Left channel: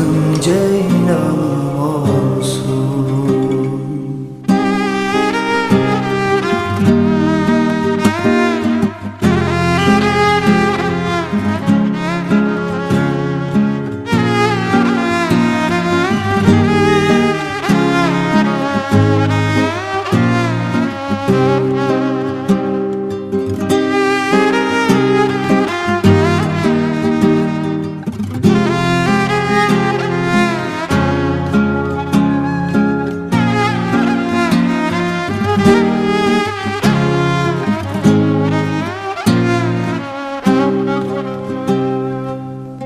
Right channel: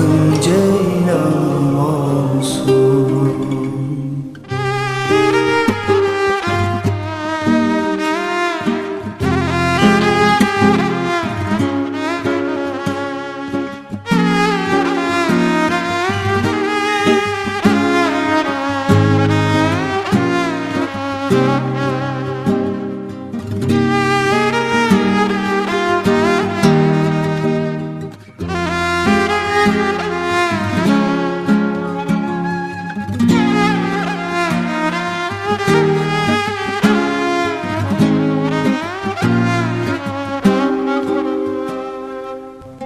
Adım Ceylanım